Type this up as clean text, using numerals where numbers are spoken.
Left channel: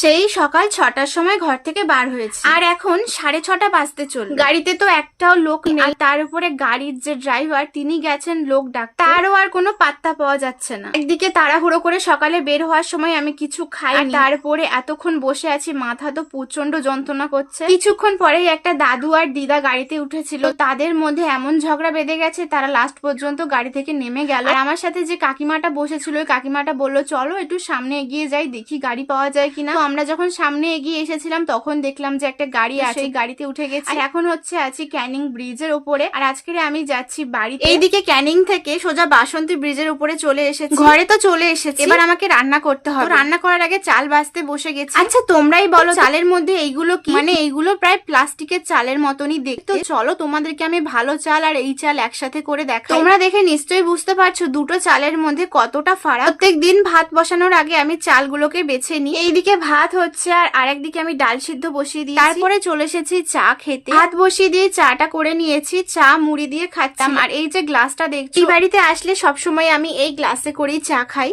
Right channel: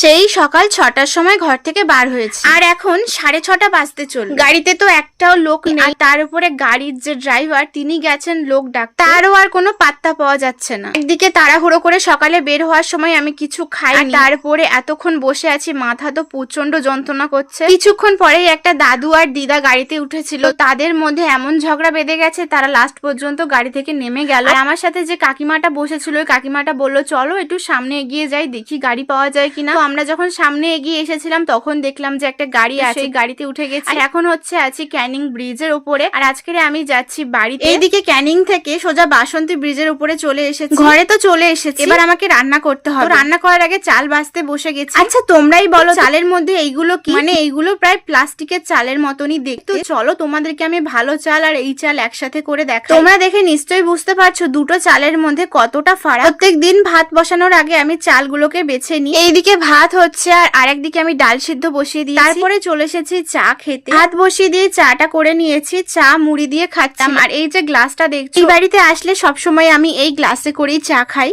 সেই সকাল 6টার সময় ঘর থেকে বার হয়েছে, আর এখন 6:30 বাজতে চলল। গাড়িতে তো একটাও লোক নেই, আর তার উপরে গাড়ির যে ড্রাইভার তিনি গেছেন লোক ডাকতে, তারও আর কোনো পাত্তা পাওয়া যাচ্ছে না। একদিকে তাড়াহুড়ো করে সকালে বের হওয়ার সময় আমি কিছু খাইনি, তারপরে এতক্ষণ বসে আছি, মাথা তো প্রচন্ড যন্ত্রণা করছে। কিছুক্ষণ পরেই একটা দাদু আর দিদা গাড়িতে উঠেছিল, তাদের মধ্যে এমন ঝগড়া বেঁধে গেছে তারা লাস্ট পর্যন্ত গাড়ি থেকে নেমে গেল। আর আমার সাথে যে কাকিমাটা বসেছিল ওই কাকিমাটা বললো চলো একটু সামনে এগিয়ে যাই, দেখি গাড়ি পাওয়া যায় কিনা। তো আমরা যখন সামনে এগিয়ে এসেছিলাম তখন দেখলাম যে একটা গাড়ি আছে, সেই গাড়িতে উঠে গেছি। আর এখন আছি ক্যানিং ব্রিজের উপরে, আর আজকে আমি যাচ্ছি বাড়িতে। এইদিকে ক্যানিং থেকে সোজা বাসন্তী ব্রিজের উপরে চলে এসেছি, ঘরে তো চলে এসেছি। এবার আমাকে রান্না করতে হবে। রান্না করার আগে চাল বাছতে বসে গেছি। আচ্ছা তোমরাই বলো চালের মধ্যে এইগুলো কি? মানে এইগুলো প্রায় প্লাস্টিকের চালের মতনই দেখতে। চলো তোমাদেরকে আমি ভালো চাল আর এই চাল একসাথে করে দেখাই। তোমরা দেখে নিশ্চয়ই বুঝতে পারছো দুটো চালের মধ্যে কতটা ফারাক। প্রত্যেকদিন ভাত বসানোর আগে আমি চালগুলোকে বেছে নিই। এইদিকে ভাত হচ্ছে আর আরেকদিকে আমি ডাল সিদ্ধ বসিয়ে দিই। তারপরে চলে এসেছি চা খেতে। ভাত বসিয়ে দিয়ে চাটা করে নিয়েছি, চা মুড়ি দিয়ে খাচ্ছি। আর এই যে গ্লাসটা দেখছি, এই বাড়িতে আসলে সবসময় আমি এই গ্লাসে করেই চা খাই।